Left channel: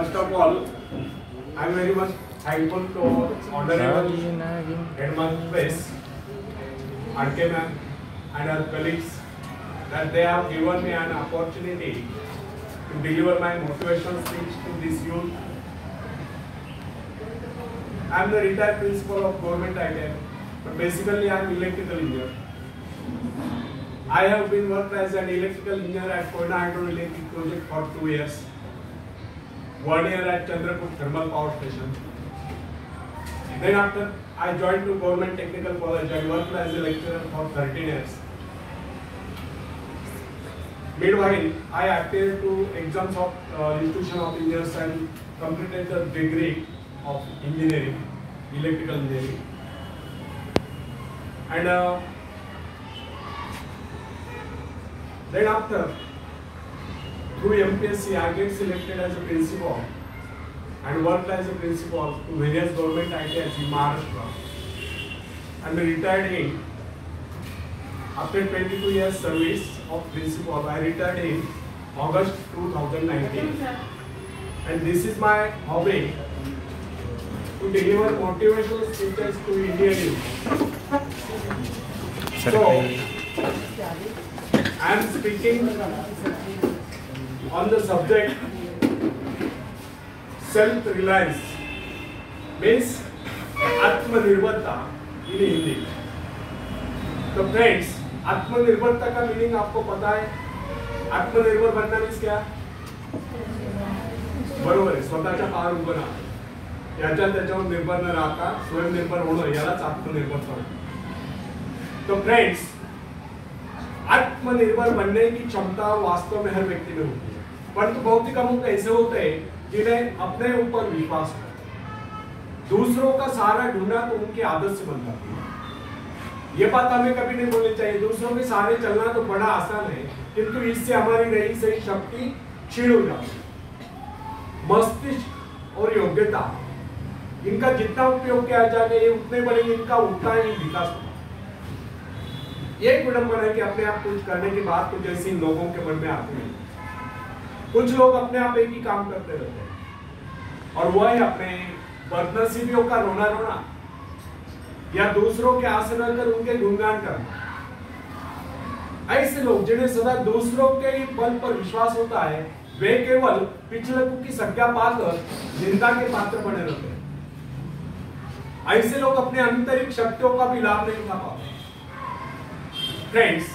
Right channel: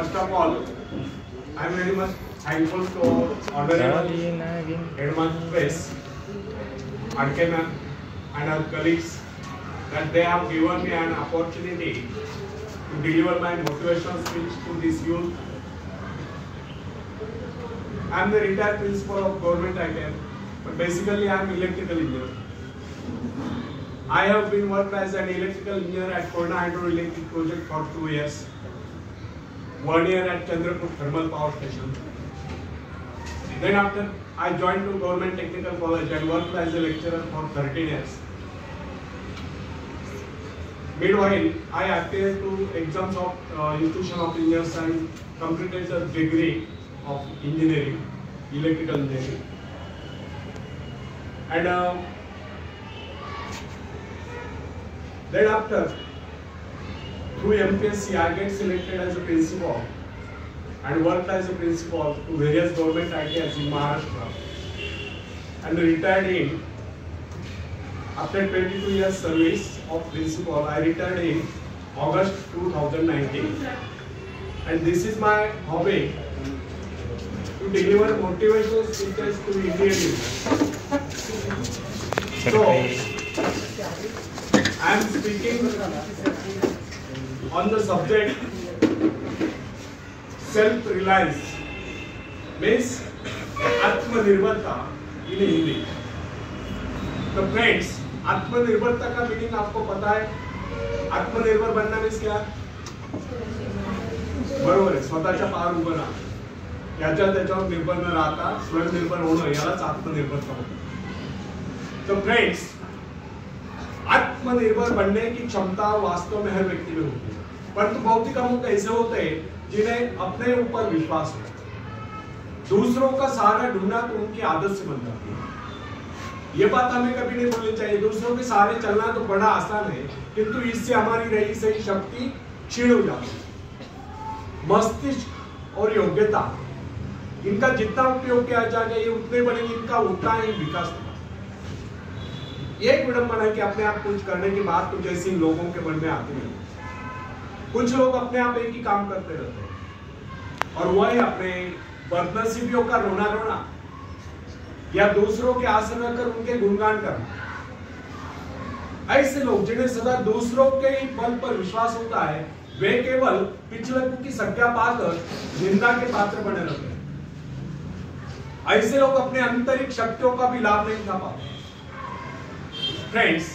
First of all, I am very much thankful to Honorable Headmaster Press, RK ma'am, and our colleagues that they have given me an opportunity to deliver my motivational speech to this youth. I am the retired principal of Government ITI, but basically I am electrical engineer. I have been worked as an electrical engineer at Koyna Hydroelectric Project for 2 years. 1 year at Chandrapur Thermal Power Station. Then after I joined to Government Technical College and worked as a lecturer for 13 years. Meanwhile, I appeared to exams of Institution of Engineers and completed the degree of engineering, electrical engineering. And then after, through MPSC, I get selected as a principal and worked as a principal to various government ITIs in Maharashtra. And retired in, after 22 years service of principal, I retired in August 2019. And this is my hobby, to deliver motivational speeches to Indian youth. So, I am speaking on the subject self-reliance, means आत्मनिर्भरता in Hindi. तो friends, आत्मनिर्भरता का meaning आपको पता है? आत्मनिर्भर बनना means क्या? बरोबर आहे, स्वतःच्या पायावर उभं राहणं, याच्या त्याच्यावर निर्भर न राहता स्वयंनिर्भर होणं, यालाच आत्मनिर्भरता म्हणतात. तो फ्रेंड्स, आत्मनिर्भर बनने की क्षमता वास्तव में हर व्यक्ति में होती है, परंतु बहुत ही कम लोग ऐसे होते हैं जिन्हें अपने ऊपर विश्वास है. दूसरों का सहारा ढूंढना तो उनकी आदत से बन जाती है. ये बात हमें कभी नहीं बोलनी चाहिए. दूसरों के सहारे चलना तो बड़ा आसान है, किंतु इससे हमारी रही सही शक्ति क्षीण हो जाती है. मस्तिष्क और योग्यता, इनका जितना उपयोग किया जाएगा ये उतने बढ़ेंगे, इनका उतना ही विकास होगा. ये विडंबना है कि अपने आप कुछ करने की बात कुछ ऐसी लोगों के मन में आती है. कुछ लोग अपने आप एक ही काम करते रहते हैं और वह है अपने बदनसीबियों का रोना रोना या दूसरों के आसन कर उनके गुणगान करना. ऐसे लोग जिन्हें सदा दूसरों के ही बल पर विश्वास होता है, वे केवल पिछलकों की संज्ञा पाकर निंदा के पात्र बने रहते हैं. ऐसे लोग अपने आंतरिक शक्तियों का भी लाभ नहीं उठा पाते. फ्रेंड्स,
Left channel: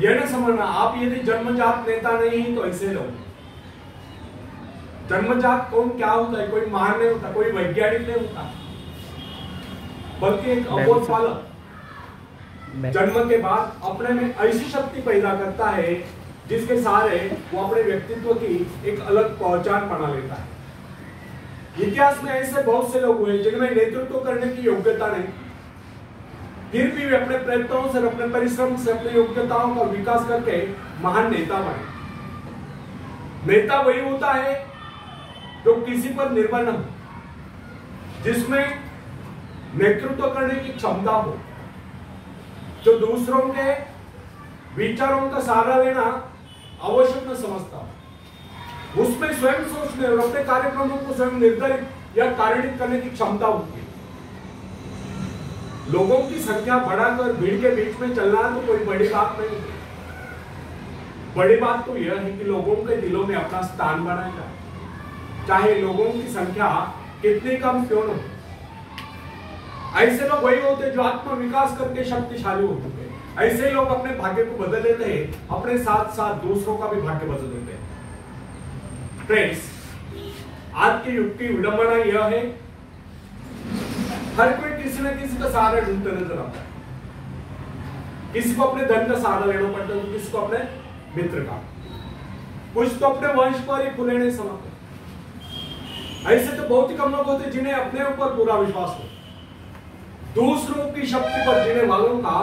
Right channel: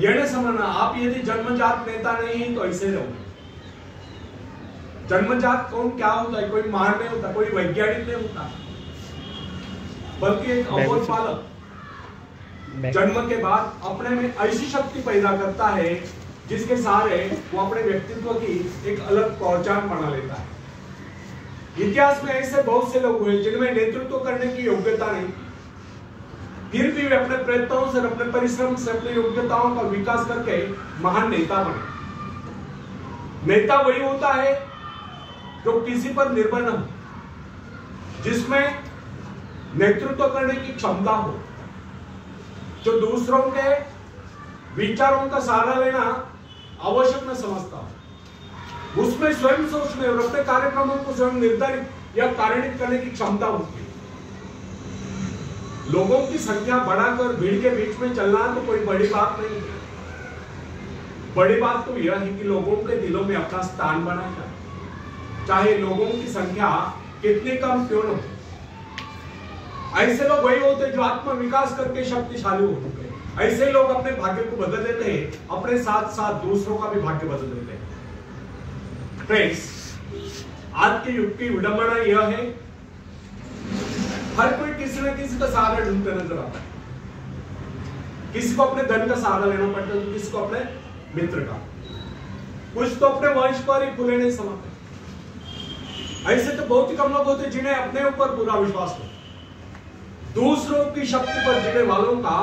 यह न समझना आप यदि जन्मजात नेता नहीं तो ऐसे लोग. जन्मजात कौन क्या होता है? कोई महान नहीं होता, कोई वैज्ञानिक नहीं होता, बल्कि एक अबोध बालक जन्म के बाद अपने में ऐसी शक्ति पैदा करता है जिसके सहारे वो अपने व्यक्तित्व की एक अलग पहचान बना लेता है. इतिहास में ऐसे बहुत से लोग हुए जिनमें नेतृत्व करने की योग्यता नहीं, फिर भी वे अपने प्रयत्नों से, अपने परिश्रम से, अपनी योग्यताओं का विकास करके महान नेता बने. नेता वही होता है जो किसी पर निर्भर न हो, जिसमें नेतृत्व करने की क्षमता हो, जो दूसरों के विचारों का सहारा लेना आवश्यक न समझता, उसमें स्वयं सोचने और अपने कार्यक्रमों को स्वयं निर्धारित या कार्यान्वित करने की क्षमता होती है. लोगों की संख्या बढ़ाकर भीड़ के बीच में चलना तो कोई बड़ी बात नहीं है. बड़ी बात तो यह है कि लोगों के दिलों में अपना स्थान बनाएगा, चाहे लोगों की संख्या कितनी कम क्यों न हो. ऐसे लोग वही होते जो आत्म विकास करके शक्तिशाली होते हैं. ऐसे लोग अपने भाग्य को बदल देते हैं, अपने साथ साथ दूसरों का भी भाग्य बदल देते हैं. फ्रेंड्स, आज के युग की विडंबना यह है, हर कोई किसी न किसी का सहारा ढूंढते नजर आता है. किसी को अपने धन का सहारा लेना पड़ता है, किसी को अपने मित्र का, कुछ तो अपने वंश पर ही खुले नहीं समाते. ऐसे तो बहुत ही कम लोग होते जिन्हें अपने ऊपर पूरा विश्वास हो. दूसरों की शक्ति पर जीने वालों का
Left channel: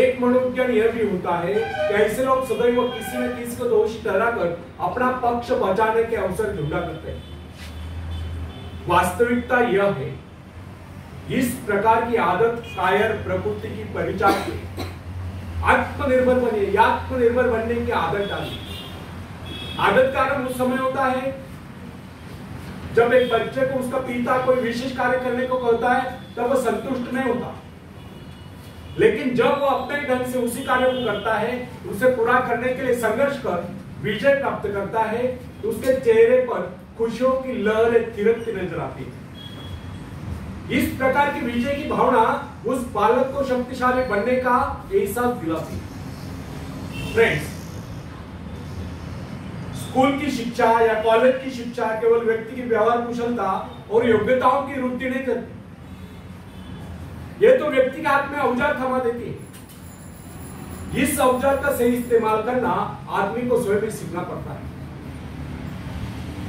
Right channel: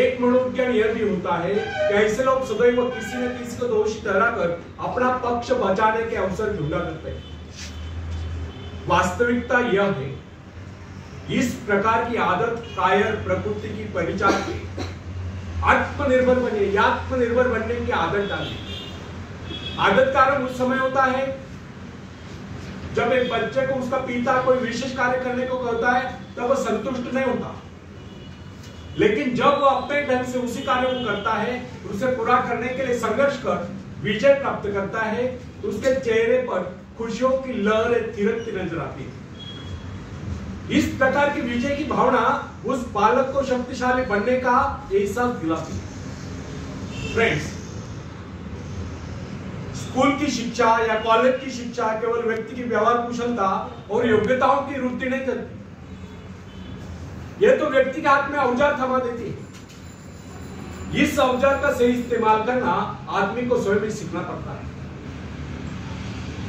एक मनोविज्ञान यह भी होता है कि ऐसे लोग सदैव किसी न किसी को दोषी ठहराकर अपना पक्ष बचाने के अवसर ढूंढा करते हैं. वास्तविकता यह है, इस प्रकार की आदत कायर प्रकृति की परिचायक है. आत्मनिर्भर बनिए, आत्मनिर्भर बनने की आदत डालिए. आदत कारण उस समय होता है जब एक बच्चे को उसका पिता कोई विशेष कार्य करने को कहता है तब वह संतुष्ट नहीं होता, लेकिन जब वह अपने ढंग से उसी कार्य को करता है, उसे पूरा करने के लिए संघर्ष कर विजय प्राप्त करता है, तो उसके चेहरे पर खुशियों की लहरें थिरकती नजर आती है। इस प्रकार की विजय की भावना उस बालक को शक्तिशाली बनने का एहसास दिलाती है। फ्रेंड्स, स्कूल की शिक्षा या कॉलेज की शिक्षा केवल व्यक्ति की व्यवहार कुशलता और योग्यताओं की वृद्धि नहीं करती, यह तो व्यक्ति के हाथ में औजार थमा देती है। इस औजार का सही इस्तेमाल करना आदमी को स्वयं ही सीखना पड़ता है।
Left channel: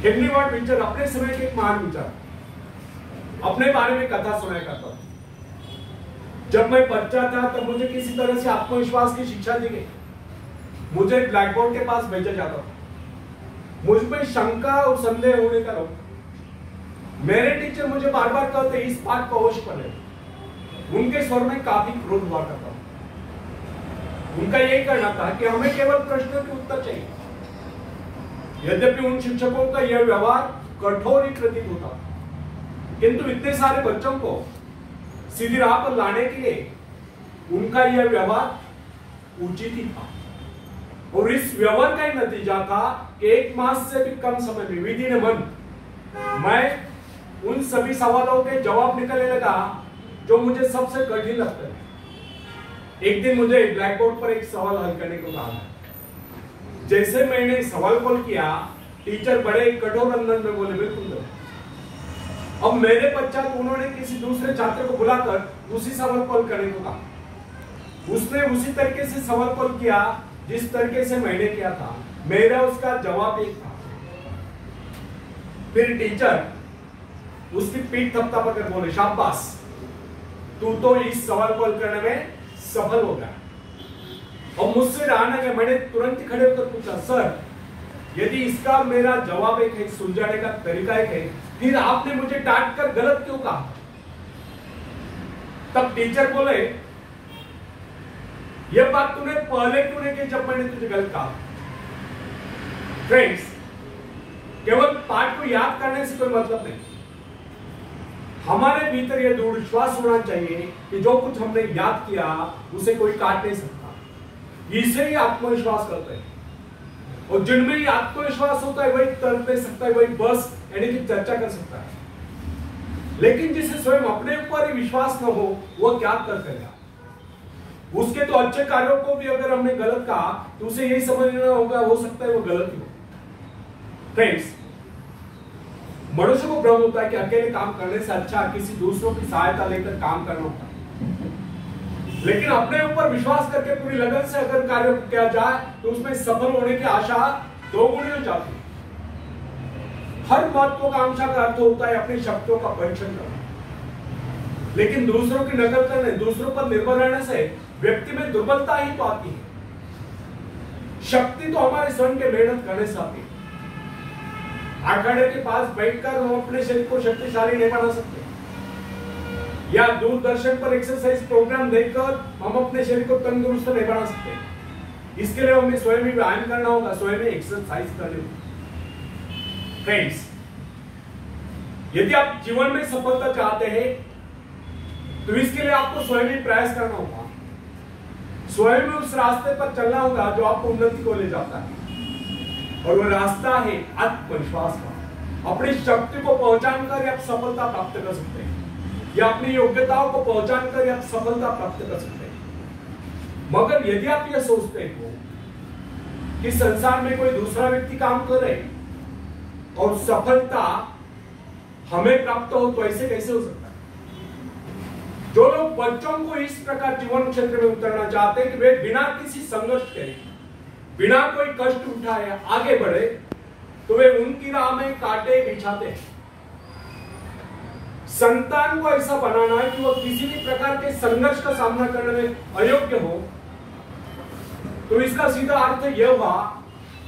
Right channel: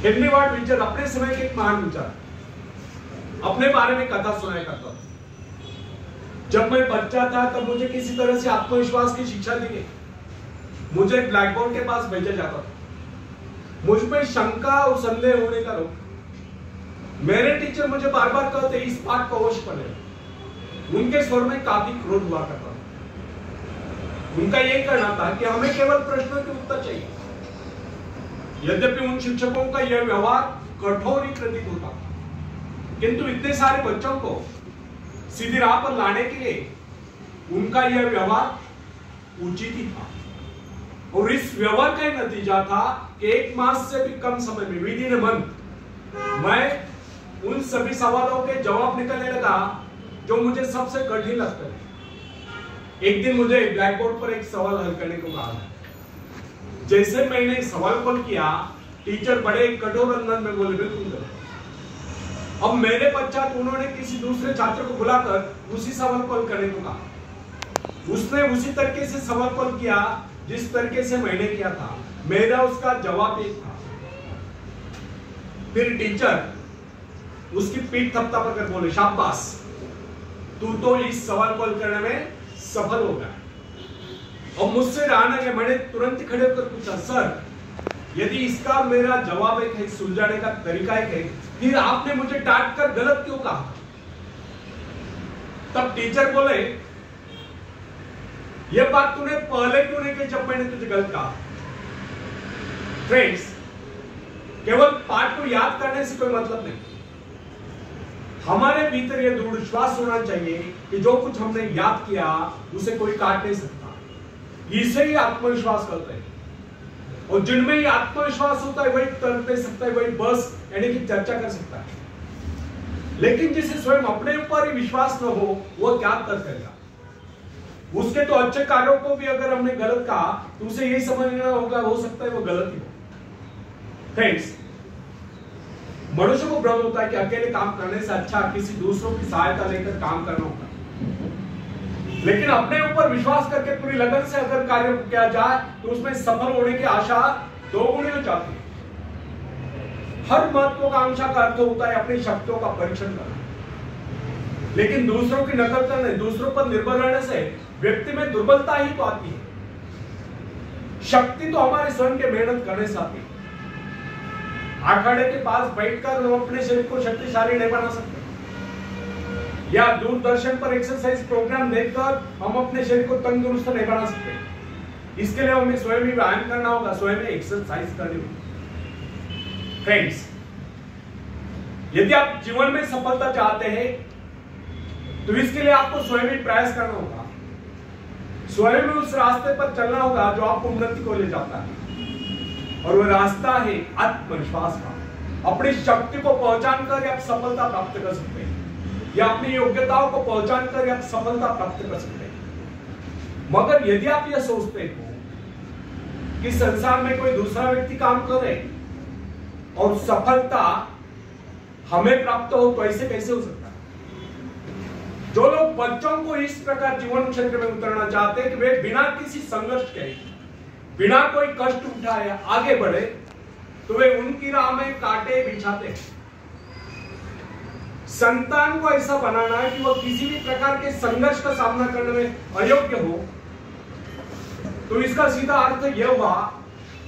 हेनरी वार्ड बीचर अपने समय के एक महान विचार अपने बारे में कथा सुनाया करता था। जब मैं बच्चा था तब मुझे किसी तरह से आत्मविश्वास की शिक्षा दी गई। मुझे ब्लैक बोर्ड के पास भेजा जाता था, मुझ में शंका और संदेह होने का रोक। मेरे टीचर मुझे बार बार कहते इस पाठ को अवश्य पढ़े। उनके स्वर में काफी क्रोध हुआ करता था। उनका यही कहना था कि हमें केवल प्रश्नों के उत्तर चाहिए। यद्यपि उन शिक्षकों का यह व्यवहार कठोर ही प्रतीत होता, किंतु इतने सारे बच्चों को सीधी राह पर लाने के लिए उनका यह व्यवहार उचित ही था। और इस व्यवहार का नतीजा था कि 1 मास से भी कम समय में विद इन अ मंथ मैं उन सभी सवालों के जवाब निकलने लगा जो मुझे सबसे कठिन लगते थे। एक दिन मुझे ब्लैक बोर्ड पर एक सवाल हल करने को कहा। जैसे मैंने सवाल हल किया, टीचर बड़े कठोर अंदाज में बोले, बिल्कुल। अब मेरे पश्चात उन्होंने किसी दूसरे छात्र को बुलाकर उसी सवाल को हल करने को कहा। उसने उसी तरीके से सवाल हल किया जिस तरीके से मैंने किया था। मेरा उसका जवाब एक था। फिर टीचर उसकी पीठ थपथपा कर बोले, शाबाश, तू तो इस सवाल को हल करने में सफल हो गया। और मुझसे रहा ना कि मैंने तुरंत खड़े होकर पूछा, सर, यदि इसका मेरा जवाब एक है, सुलझाने का तरीका एक है, फिर आपने मुझे डांट कर गलत क्यों कहा? तब टीचर बोले, यह बात तूने पहले क्यों नहीं की जब मैंने तुझे गलत कहा? फ्रेंड्स, केवल पाठ को याद करने से कोई मतलब नहीं। हमारे भीतर यह दृढ़ विश्वास होना चाहिए कि जो कुछ हमने याद किया उसे कोई काट नहीं सकता। इसे ही आत्मविश्वास करते हैं। और जिनमें ही आत्मविश्वास होता है वही तर्क दे सकता है, वही बस यानी कि चर्चा कर सकता है। लेकिन जिसे स्वयं अपने ऊपर ही विश्वास न हो, वो क्या तर्क करेगा? उसके तो अच्छे कार्यों को भी अगर हमने गलत कहा तो उसे यही समझना होगा, हो सकता है वो गलत ही हो। फ्रेंड्स, मनुष्य को भ्रम होता है कि अकेले काम करने से अच्छा किसी दूसरों की सहायता लेकर काम करना होता है। लेकिन अपने ऊपर विश्वास करके पूरी लगन से अगर कार्य किया जाए तो उसमें सफल होने की आशा 2 गुनी हो जाती है। हर महत्वाकांक्षा का अर्थ होता है अपनी शक्तियों का परीक्षण करना। लेकिन दूसरों की नकल करने, दूसरों पर निर्भर रहने से व्यक्ति में दुर्बलता ही तो आती है। शक्ति तो हमारे स्वयं के मेहनत करने से आती है। अखाड़े के पास बैठकर हम अपने शरीर को शक्तिशाली नहीं बना सकते, या दूरदर्शन पर एक्सरसाइज प्रोग्राम देखकर हम अपने शरीर को तंदुरुस्त नहीं बना सकते। इसके लिए हमें स्वयं ही व्यायाम करना होगा, स्वयं ही एक्सरसाइज करनी होगी। फ्रेंड्स, यदि आप जीवन में सफलता चाहते हैं तो इसके लिए आपको स्वयं ही प्रयास करना होगा। स्वयं में उस रास्ते पर चलना होगा जो आपको उन्नति को ले जाता है। और वो रास्ता है आत्मविश्वास का। अपनी शक्ति को पहचान कर आप सफलता प्राप्त कर सकते हैं, या अपनी योग्यताओं को पहचान कर आप सफलता प्राप्त कर सकते हैं। मगर यदि आप यह सोचते हो कि संसार में कोई दूसरा व्यक्ति काम करे और सफलता हमें प्राप्त हो, तो ऐसे कैसे हो सकता है? जो लोग बच्चों को इस प्रकार जीवन क्षेत्र में उतरना चाहते हैं कि वे बिना किसी संघर्ष के, बिना कोई कष्ट उठाए आगे बढ़े, तो वे उनकी राह में कांटे बिछाते हैं। संतान को ऐसा बनाना है कि वो किसी भी प्रकार के संघर्ष का सामना करने में अयोग्य हो, तो इसका सीधा अर्थ यह हुआ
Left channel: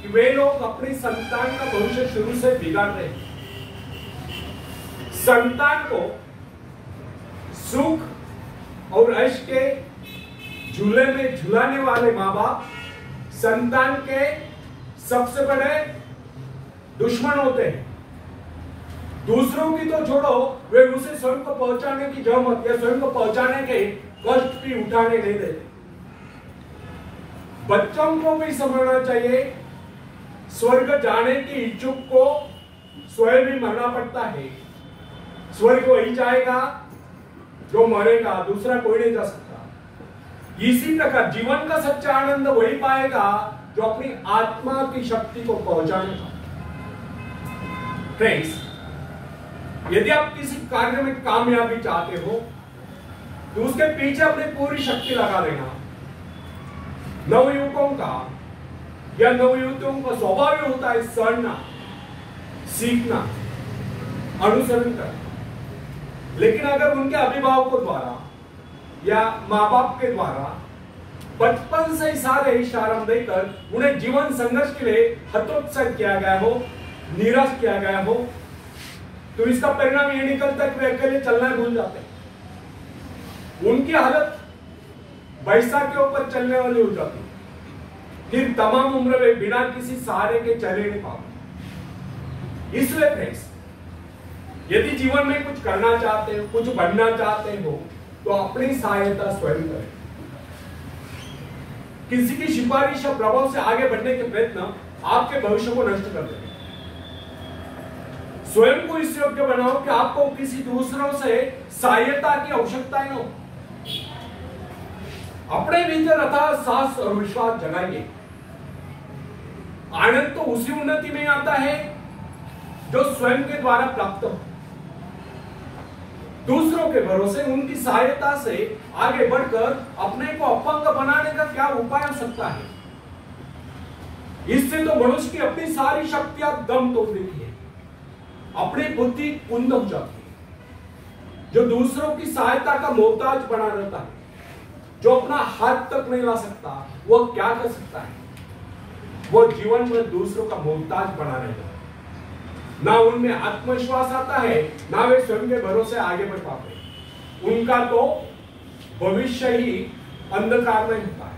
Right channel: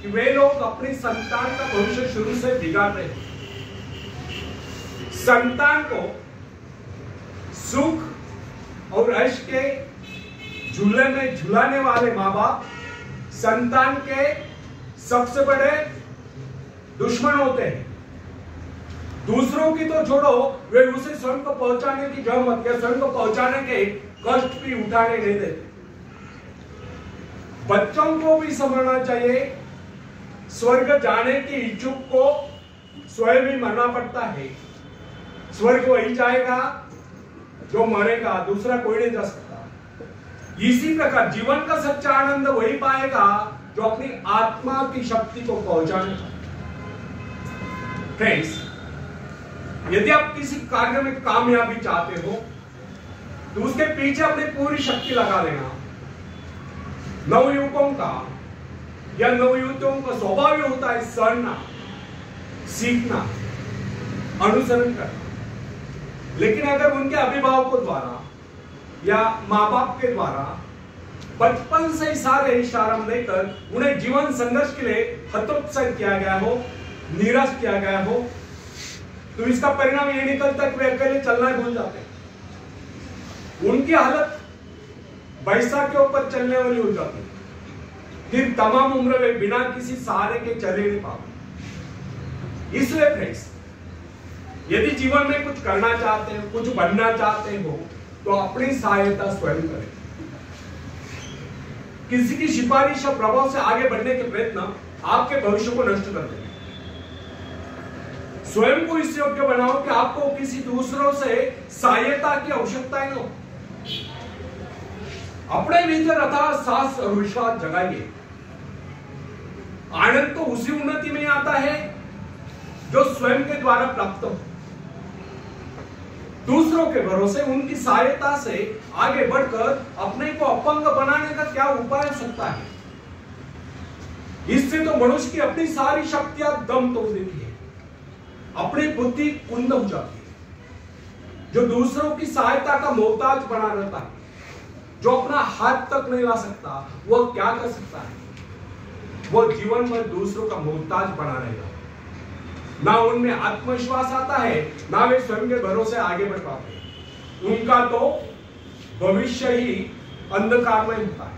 कि वे लोग अपनी संतान का भविष्य शुरू से बिगाड़ रहे हैं। संतान को सुख और ऐश के झूले में झुलाने वाले माँ बाप संतान के सबसे बड़े दुश्मन होते हैं। दूसरों की तो छोड़ो, वे उसे स्वयं को पहुंचाने की जहमत या स्वयं को पहुंचाने के कष्ट भी उठाने नहीं देते। बच्चों को भी समझना चाहिए, स्वर्ग जाने की इच्छुक को स्वयं भी मरना पड़ता है। स्वर्ग वही जाएगा जो मरेगा, दूसरा कोई नहीं जा सकता। इसी प्रकार जीवन का सच्चा आनंद वही पाएगा जो अपनी आत्मा की शक्ति को पहुंचाने का। फ्रेंड्स, यदि आप किसी कार्य में कामयाबी चाहते हो तो उसके पीछे अपनी पूरी शक्ति लगा लेना। नवयुवकों का या नवयुवतियों का स्वभाव होता है सड़ना, सीखना, अनुसरण करना। लेकिन अगर उनके अभिभावकों द्वारा या माँ बाप के द्वारा बचपन से ही सारे इशारा देकर उन्हें जीवन संघर्ष के लिए हतोत्साह किया गया हो, निराश किया गया हो, तो इसका परिणाम ये निकलता है कि वे अकेले चलना भूल जाते हैं। उनकी हालत बैसाख के ऊपर चलने वाली हो जाती है। फिर तमाम उम्र में बिना किसी सहारे के चल ही नहीं पाते। इसलिए फ्रेंड्स, यदि जीवन में कुछ करना चाहते हो, कुछ बनना चाहते हो, तो अपनी सहायता स्वयं करें। किसी की सिफारिश और प्रभाव से आगे बढ़ने के प्रयत्न आपके भविष्य को नष्ट कर देंगे। स्वयं को इस योग्य बनाओ कि आपको किसी दूसरों से सहायता की आवश्यकता ही न हो। अपने भीतर अथाह साहस और विश्वास जगाइए। आनंद तो उसी उन्नति में आता है जो स्वयं के द्वारा प्राप्त हो। दूसरों के भरोसे, उनकी सहायता से आगे बढ़कर अपने को अपंग बनाने का क्या उपाय हो सकता है? इससे तो मनुष्य की अपनी सारी शक्तियां दम तोड़ देती है, अपनी बुद्धि कुंद हो जाती है। जो दूसरों की सहायता का मोहताज बना रहता है, जो अपना हाथ तक नहीं ला सकता, वह क्या कर सकता है? वो जीवन में दूसरों का मोहताज बना रहेगा। ना उनमें आत्मविश्वास आता है, ना वे स्वयं के भरोसे आगे बढ़ पाते। उनका तो भविष्य ही अंधकार में होता है।